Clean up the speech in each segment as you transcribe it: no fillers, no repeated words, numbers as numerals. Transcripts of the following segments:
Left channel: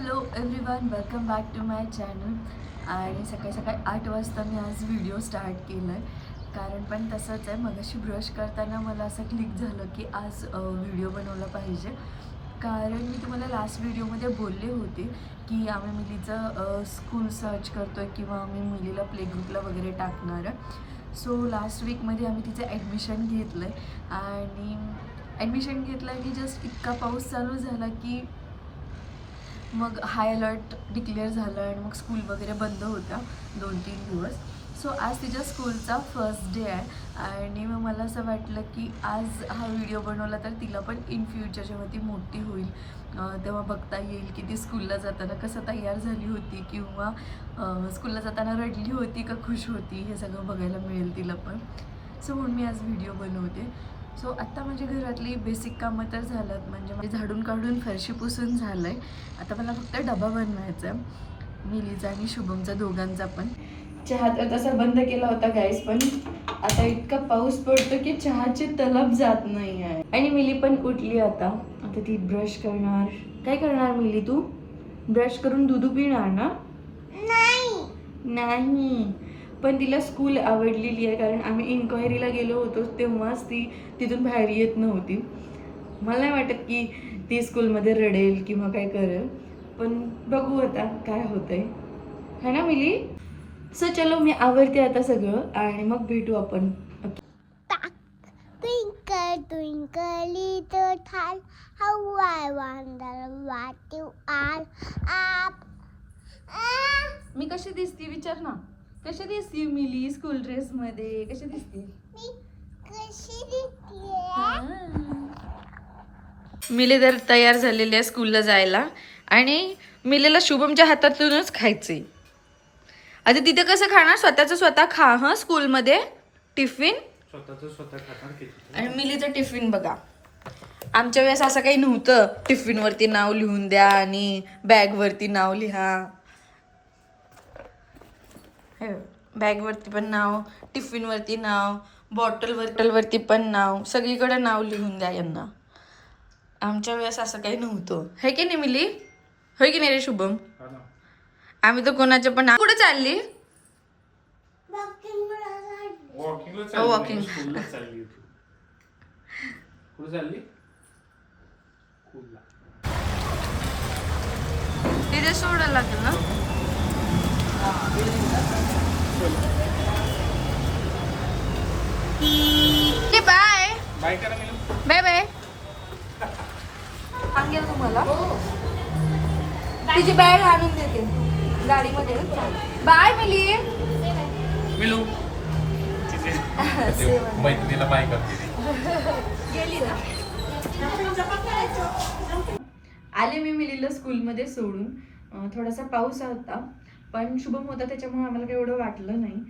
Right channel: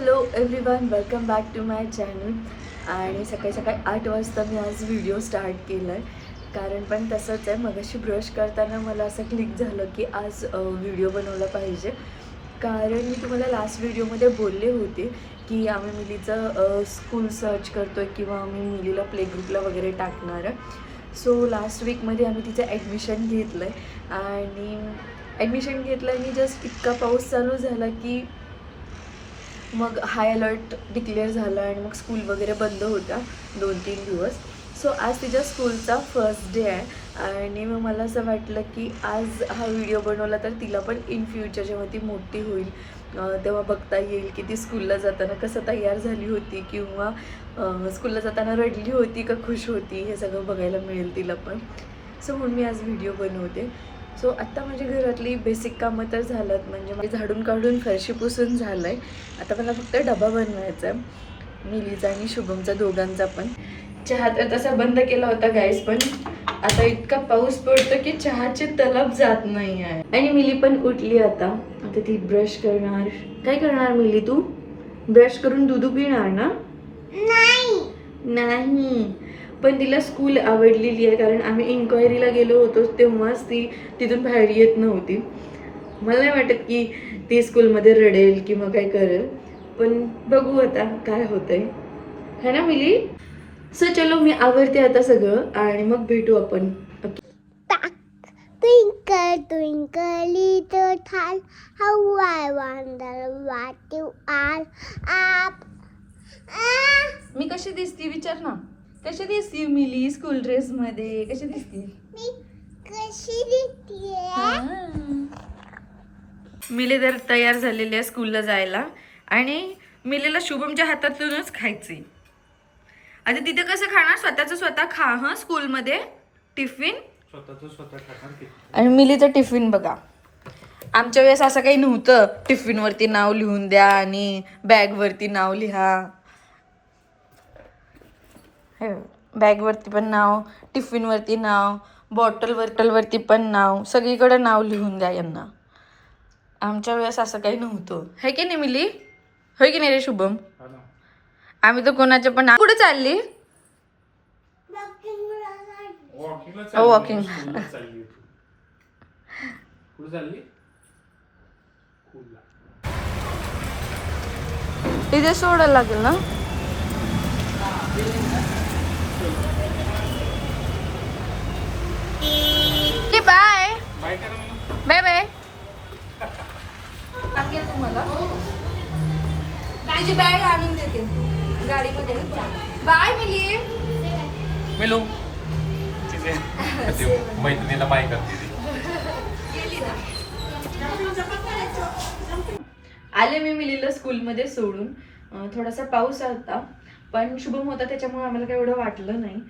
Hello everyone, welcome back to my channel. आणि सकाळी सकाळी 8 वाजता मी आज व्हिडिओ स्टार्ट केला आहे. कारण पण तसंच आहे, मगाशी ब्रश करताना मला असं क्लिक झालं की आज व्हिडिओ बनवला पाहिजे. कारण मी तुम्हाला लास्ट व्हिडिओमध्ये बोलले होते की आम्ही मिलीचं स्कूल सर्च करतो आहे किंवा आम्ही मिलीला प्ले ग्रुपला वगैरे टाकणार आहे. सो लास्ट वीकमध्ये आम्ही तिचं ॲडमिशन घेतलं आहे आणि ॲडमिशन घेतलं आणि जस्ट इतका पाऊस चालू झाला की मग हाय अलर्ट डिक्लेअर झाला आणि मग स्कूल वगैरे बंद होत्या 2-3 दिवस. सो आज तिच्या स्कूलचा फर्स्ट डे आहे आणि मग मला असं वाटलं की आज हा व्हिडिओ बनवला तर तिला पण इन फ्युचर जेव्हा ती मोठी होईल तेव्हा बघता येईल की ती स्कूलला जाताना कसं तयार झाली होती किंवा स्कूलला जाताना रडली होती का खुश होती, हे सगळं बघायला मिळेल तिला पण. सो म्हणून मी आज व्हिडिओ बनवते. सो आत्ता माझी घरातली बेसिक कामं तर झालं, म्हणजे माझी झाडून काढून फरशी पुसून झालं आहे. आता मला फक्त डबा बनवायचा आहे मिलीचा आणि शुभमचा दोघांचा पण. चहा तर तसा बंद केला होता गॅस, पण आता इतका पाऊस पडतो की चहाचे तलब जात नाही आहे. आणि मिली पण उठली आता ती ब्रश करणार. काय करणार मिली तू? ब्रश करून दूध पिणार ना? नाही, पण तिला स्कूल आवडलेली आहे. कारण आम्ही इन्क्वायरीला गेलो होतो तेव्हाच ती तिथून बाहेर येत नव्हती. मला नाही वाटत की ती स्कूलमध्ये रडेल किंवा काय करेल, पण बघू आता काय होतंय, है ना मिली? सो चलो, मी आवरते आता सगळं आणि मग भेटू आपण. Twinkle, twinkle, little star, how I wonder what you are. Up. मी कशी दिसती विचार ना, कशी दिसती मिली स्कूल ड्रेस मध्ये? कशी दिसती? मी कशी दिसते? मिली तर तयार झालेली आहे स्कूलला जायला आणि मिलीला शुभमच्या हातातूनच खायचे. आता तिथे कसं खाणार? स्वतःच स्वतः खा हा स्कूलमध्ये टिफिन. स्वतः खाणार. आणि मिलीचं टिफिन बघा, आमच्या वेळेस असं काही नव्हतं. टिफिनवरती नाव लिहून द्या आणि बॅगवरती नाव लिहा. बॅगवरती पण नाव, टिफिनवरती नाव, बॉटलवरती पण नाव, सगळीकडे नाव लिहून द्या यांना. आमच्या वेळेस असं काही नव्हतं, है की नाही मिली? होय की नाही रे शुभम? आम्ही तर कोणाचे पण. कुठे चालली? वॉकिंग. तिथे सोडायला लागेल ना? बाय बाय करा मी. Bye bye. तुम्हाला तिची बॅग आणून देते गाडीमध्ये. बाय मिली. मिलू तिथे मैत्रिणीला बाय करते. आले मी मिलीला स्कूलमध्ये सोडून. थोडासा पाऊस होता पण शुभम होता त्याच्यामुळे आम्हाला काही एवढं वाटलं नाही.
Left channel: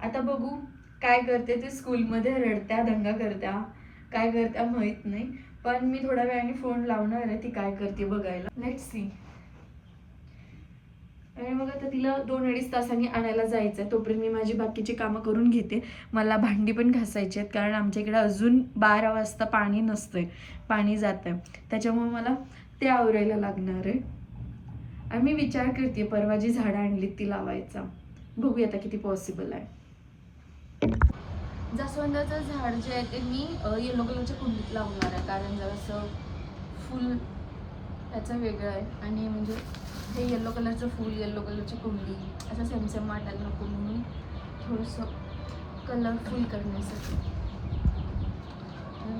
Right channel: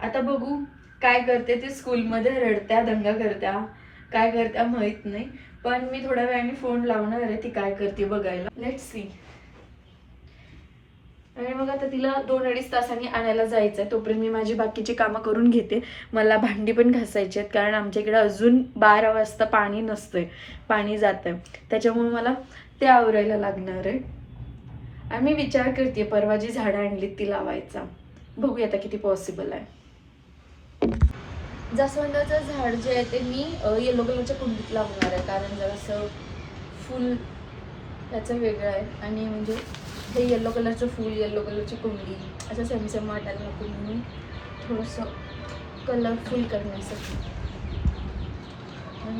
आता बघू काय करते ती स्कूलमध्ये. रडत्या, दंगा करत्या, काय करत्या माहित नाही, पण मी थोड्या वेळाने फोन लावणार आहे ती काय करते बघायला. Let's see. आणि मग आता तिला 2-2.5 तासांनी आणायला जायचं आहे. तोपर्यंत मी माझी बाकीची कामं करून घेते. मला भांडी पण घासायची आहेत कारण आमच्या इकडे अजून 12 वाजता पाणी नसतंय, पाणी जातं आहे. त्याच्यामुळे मला ते आवरायला लागणार आहे. आणि मी विचार करते परवा जी झाडं आणलीत ती लावायचा. बघूया आता किती पॉसिबल आहे. जास्वंदाचं झाड जे आहे ते मी येलो कलरच्या कुंडीत लावणार आहे कारण जरासं फुल त्याचं वेगळं आहे आणि म्हणजे हे येलो कलरचं फूल, येलो कलरची कुंडी असं सेम वाटायला नको म्हणून थोडंसं कलरफुल करण्यासाठी.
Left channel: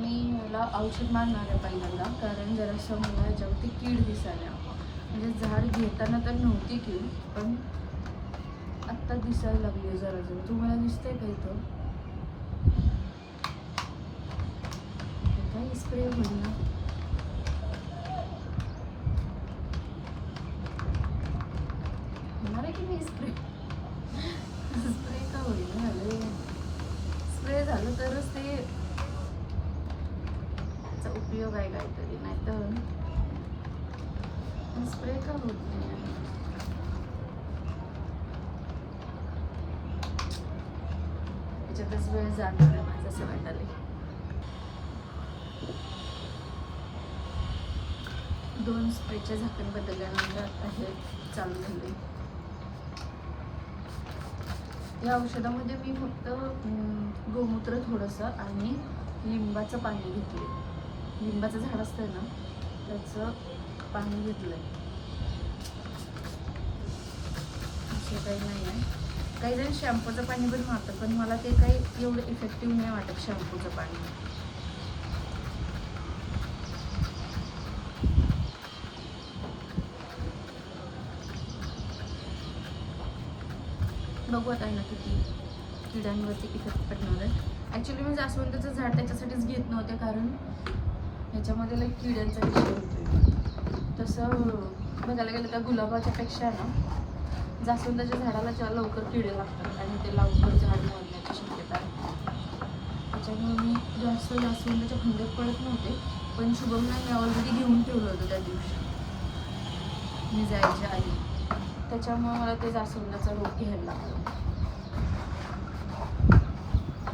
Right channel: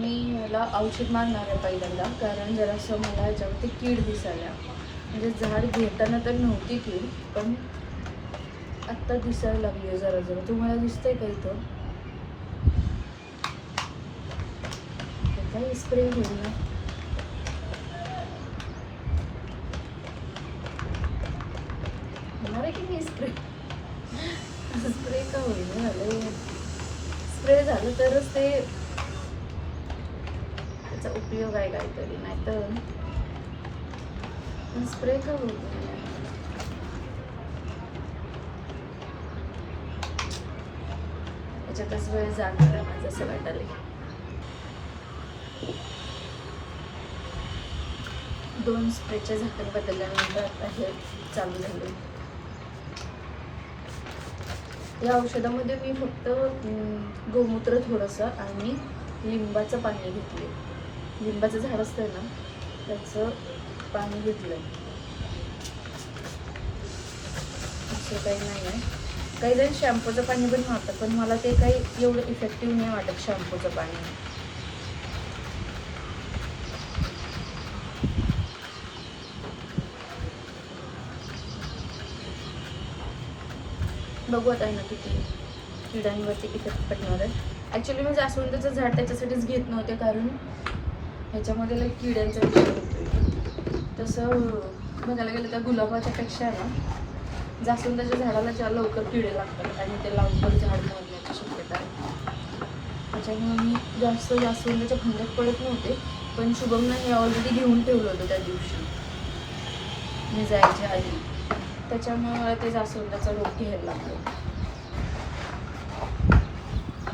मी याला औषध मारणार आहे पहिल्यांदा कारण जरासं मला ह्याच्यावरती कीड दिसायला. म्हणजे झाड घेताना तर नव्हती कीड, पण आत्ता दिसायला लागली आहे जरा जरा. तुम्हाला दिसतंय का इथं? काही स्प्रे होईल ना? होणार आहे की नाही स्प्रे? स्प्रे का होईल झालं? स्प्रे झालं तरच ते त्याचा उपयोग आहे काहीतरी, नाही तर स्प्रे का होईल? याच्यातच वेळ जाणार आहे माझं असं वाटायला. 2 स्प्रेचे झाकण बदलल्यानंतर आता हे चालू झाले. या औषधामध्ये मी फक्त गोमूत्र थोडंसं आणि लिंबाचं पाणी घेतले. लिंबाचं झाड असतं ना त्याचं पाणी घेतलं. असं काही नाही आहे. काही जण शॅम्पूचं पाणी पण मारतात, पण मला ते काही एवढं इफेक्टिव्ह नाही वाटत शॅम्पूचं पाणी. बघू आता ना किती किड्यांवरती इफेक्ट पडणार आहे. ॲक्च्युली मी जास्वंदाचं झाड त्याच्यासाठीच घेत नव्हते, कारण ह्याच्यामध्ये लाईक किड्यांचा विषय होतो. तसं बघायला गेलं तर गुलाबाच्या पेक्षा ना जास्वंदाच्या झाडाला ज्या लवकर किडे लागतात आणि ते लवकर झाड मरण्याची शक्यता आहे. त्याच्यामुळे मी जास्त जास्वंदाच्या भांड्यात पडत नव्हते. पण शुभमनं हे ऑलरेडी घेऊन ठेवलं होतं त्या दिवशी मी जायच्या आधी. त्याच्यामुळे मला ते जास्वंदाचा रोग घ्यायला लागतो.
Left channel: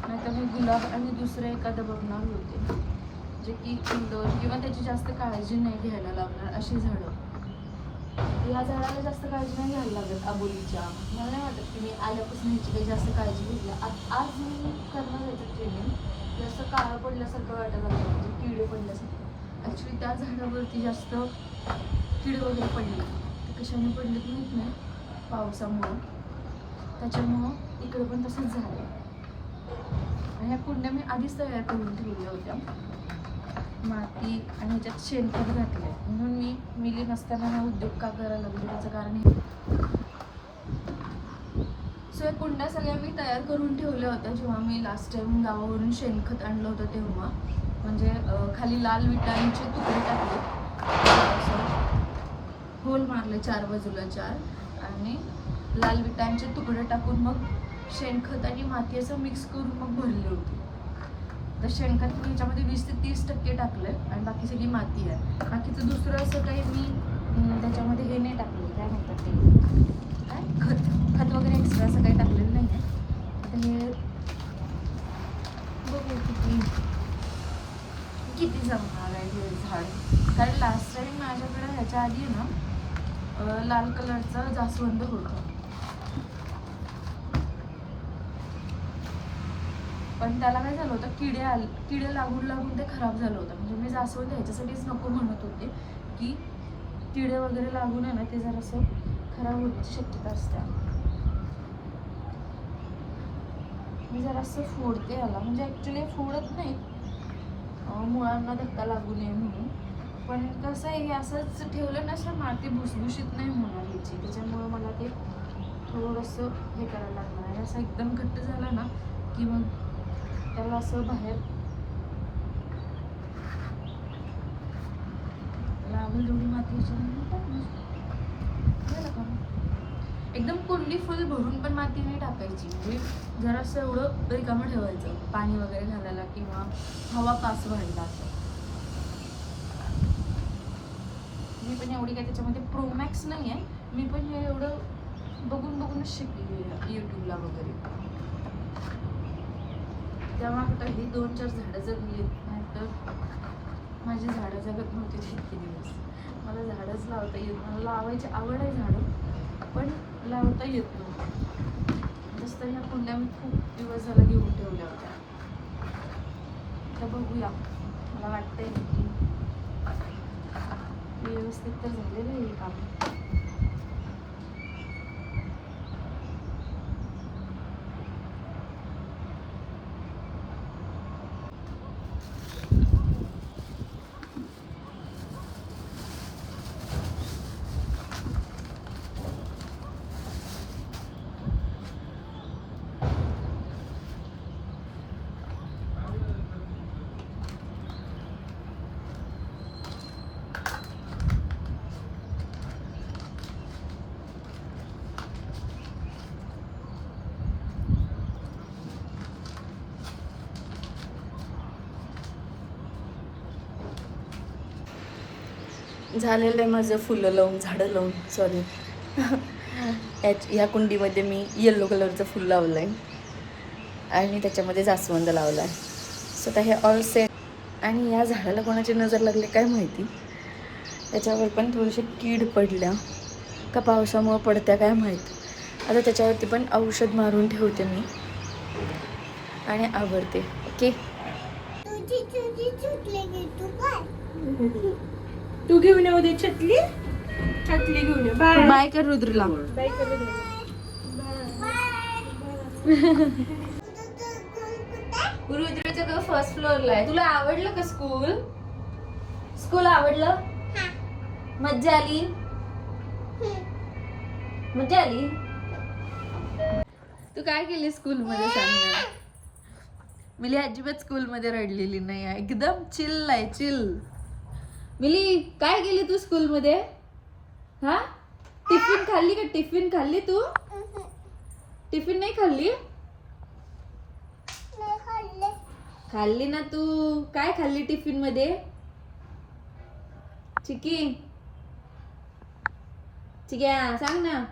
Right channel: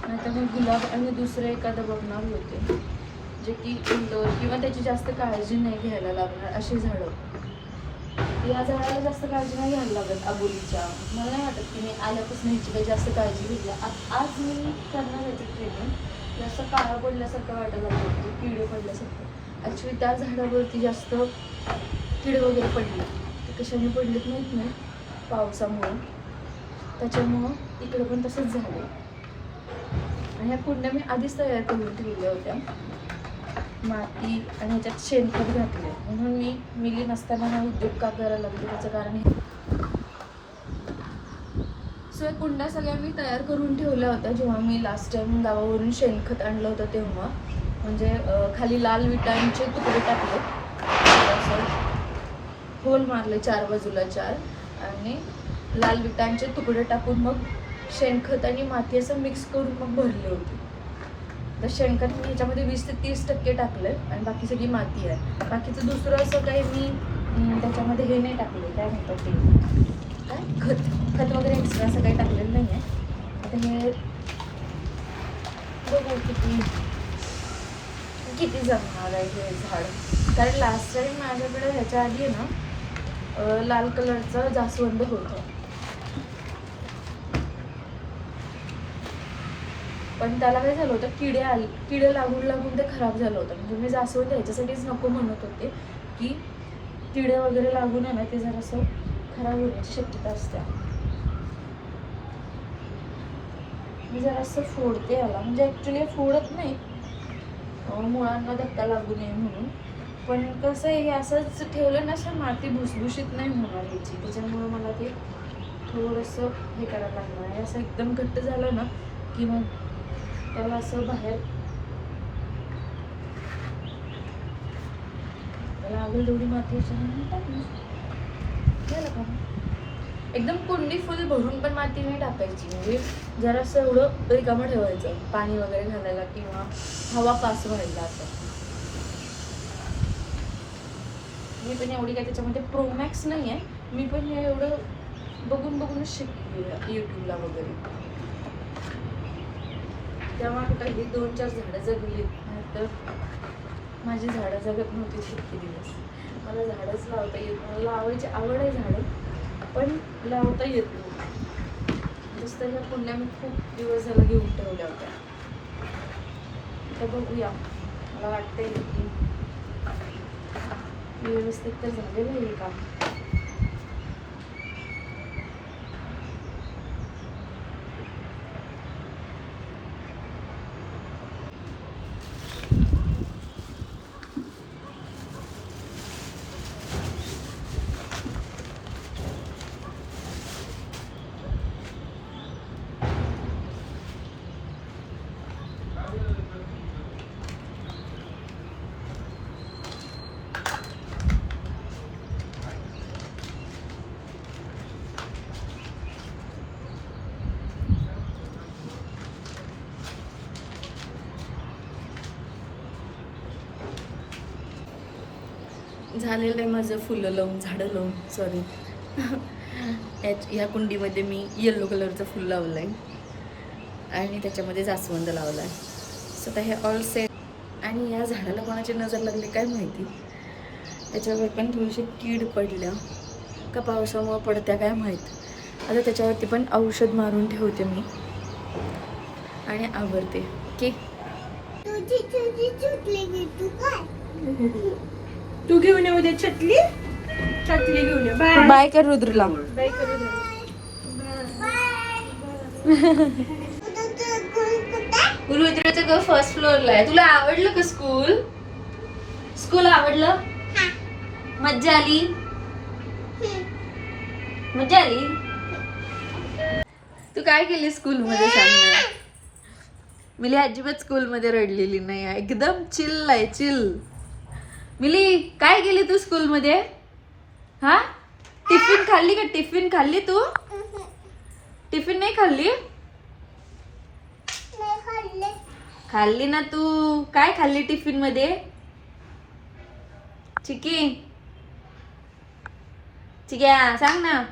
नाहीतर मग गुलाब आणि दुसरे एखादं बघणार होते जे की इंडोर किंवा त्याची जास्त काळजी नाही घ्यायला लागणार अशी झाडं. या झाडाला जास्त काळजी नाही घ्यायला लागत अबोलीच्या. मला नाही वाटत की मी आल्यापासून ह्याची काही जास्त काळजी घेतली. आज मी करणार याचं ट्रीटमेंट जास्त काळं पडल्यासारखं वाटायला लागतं, किडे पडल्यासारखं. ॲक्च्युली त्या झाडावरती जास्त किडे वगैरे पडले. ते कशाने पडलेत माहीत नाही, पावसामुळं. त्याच्यामुळं इकडं पण तसंच झालं. आणि ह्या कुंड्या मी आधीच तयार करून ठेवल्या होत्या, माती आणि ह्याच्यात शेणखत घातले. म्हणून मी मिली नसताना हा उद्योग का करायला लागले त्याचं कारण हे. सो या कुंड्या सगळ्या मी तयार करून ठेवल्या होत्या जेव्हा मी लास्ट टाइम गावावरून शेणखत आणलं होतं तेव्हा. म्हणजे खाली लाल विटांचे तुकडे टाकले, असं होल मारले 4 बाजूला 4 आणि लाल विटांचे तुकडे टाकून मग शेणखत आणि माती असं मिक्स करून मग भरले होते. तर शेणखत मी ह्याच्यामध्ये 20 ते 30% टाकलं आहे आणि बाकी सगळी माती आहे. बाकीचं दुसरं असं काही मी त्याच्यामध्ये हे नाही टाकले, काय म्हणतात ते, काय खत वगैरे एक्स्ट्रा असं काही टाकलेलं नाही आहे. आता हे बघू किती जमणार आहे हे झाड. कारण लास्ट टाइम माझ्याकडे ह्याच्या आधी आहे ना लाल कलरचा जास्वंद होता, पण त्याला काय झालं होतं, किडे लागून ते खराब झालं होतं. म्हणजे मी जास्वंद ह्याच्यासाठीच नको म्हणत होते की किडे वगैरे लागून आहे ना ते जरासं खराब होण्याची शक्यता असते. मी जरासं फोडते याला, म्हणजे ॲक्च्युली फोडत नाही, मुळांना धक्का लागू नये म्हणून. पण कसं आहे, हे असंच ठेवलं ना असं माती भुसभुशीत नाही होणार ह्याची. त्याच्यामुळे मला ते थोडंसं हे करायला लागणार आहे. असं एकदम घट्ट झालं ना की मग त्याला असं बाहेर लागेल तेवढी माती झालं का. एकदम कुंडी फुल भरून पण माती नाही टाकायची, म्हणजे जरासं एवढं रिकामं ठेवायचं पाणी वगैरे घालायला किंवा हवा पास व्हायला. असं मी पण एवढी काय त्याच्यामध्ये प्रोमॅक्स नाही आहे. मी पण हे एवढं बघूनच शिकली यूट्यूबला वगैरे. तेव्हा कुठं ही 2-4 झाडं जगली, तर माझी झाडं जगत नव्हती इतके दिवस. मला झाडंच लावता येत, मला लावायची आवड आहे झाडं, पण लावता येत नव्हतं. जसं तर ह्या कुंड्या मी खूप दिवस झाला घेऊन ठेवल्या होत्या. तर बघूया, मला वाटतंय की व्यवस्थित तर झालेलं आहे का. झालेलं आहे माझं फुलं लावून, झाडं लावून, सॉरी. या कुंडीमध्ये मी येलो कलरचं फुल लावलं आहे आणि त्याच्यामध्ये जास्वंद लावला आहे. सो आता हे ऑल सेट. आणि या झाडाला कोणाची नजर लागली काय माहिती, त्याच्यावर पण थोडीशी कीड पडल्या. का पावसामुळं पडत्या काय माहीत. आता त्याच्यावरती पण औषध मारून ठेवते मी आणि आवरते. ओके, तुझी तुझी चुकली की तू काय तू घेऊन येऊ दे छतली घेऊन ये. बाय बाय कर रुद्रला. बाय कर दे. रुद्रचं घर फर्स्ट फ्लोअरला आहे. तुला आवडलं का स्कूल? स्कूल आवडलं? मज्जा आली? मज्जा आली? तू काय केली स्कूल मध्ये सांग. मिली अजिबात स्कूल मध्ये रडलेली नाही आहे, एकदम चिल आहे, चिल. मिली काय केली तू स्कूल मध्ये? हा, टिफिन खाल्ली का? टिफिन खाल्ली तू? टिफिन नाही खाल्ली? नाही खाल्ले खाल्ली ना तू. काय खाल्ली टिफिन मध्ये? चिकी चिक्या सांग ना.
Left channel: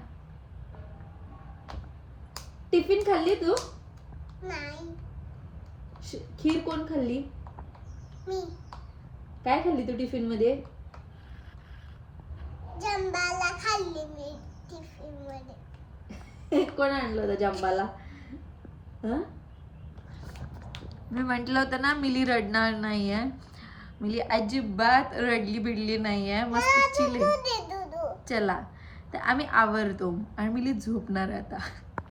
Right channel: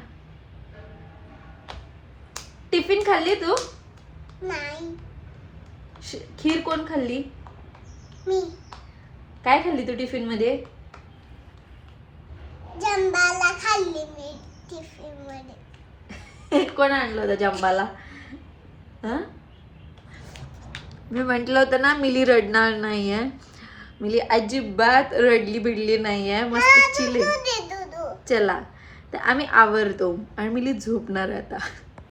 टिफिन खाल्ली तू? नाही खीर कोण खाल्ली? मी काय खाल्ली तू टिफिन मध्ये? जंबाला खाल्ली मी टिफिन मध्ये. कोण आणलं होतं जंबाला? हा? मी म्हंटल होतं ना मिली रडणार नाहीये. मिली अजिबात रडली बिडली नाहीये, मस्त चिल आहे. दूध दे दूध. चला तर आम्ही आवरतो आणि मिली झोपणार आहे आता.